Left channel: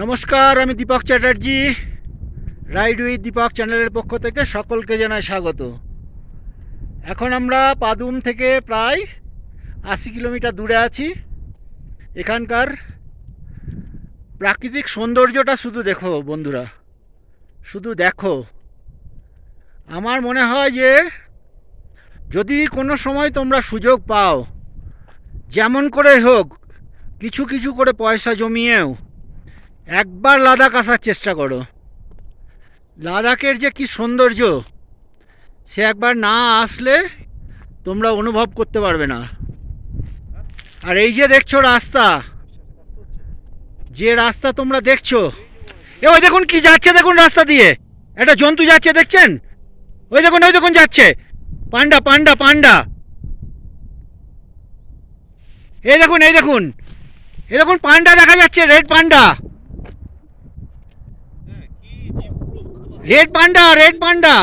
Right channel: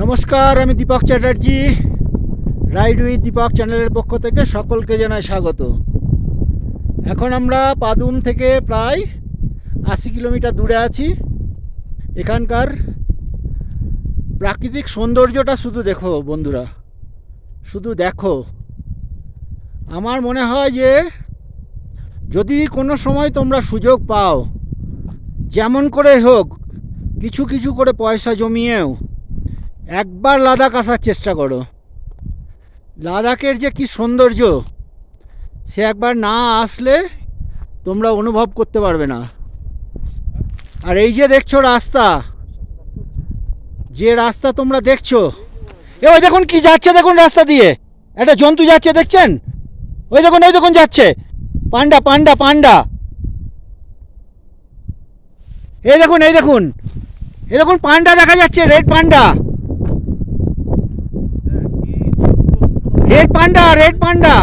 নমস্কার, আমি Dipak Chatterjee. Ride with Dipak চ্যানেলের পক্ষ থেকে সকলকে জানাই স্বাগত। এখন আমরা পাদুম থেকে প্রায় 80 কিলোমিটার দূরে আছি। এখানকার প্রাকৃতিক সৌন্দর্যটা শুধু দেখো বন্ধুরা, শুধু দেখো। আমার মনে হয় যে যদি কোনো সময় তোমরা সুযোগ পাও, যেমন করে হোক কিছু কিছু করে পয়সা জমিয়েও একবার লাদাখ আসার চেষ্টা করো। লাদাখের যে কি সৌন্দর্য, সে একবার না আসলে তোমরা অনুভব করতে পারবে না। আর এই যে দেখছো রাস্তা, যে রাস্তা তোমরা দেখছো, ওই দেখুন কি যাচ্ছে, দেখুন রাস্তা দিয়ে একটা জন্তু যাচ্ছে, দেখছেন? ওই দেখুন যাচ্ছে পান্ডা পান্ডা পান্ডা। এই দেখুন পান্ডা দেখা যাচ্ছে, রেড পান্ডা, রেড পান্ডা।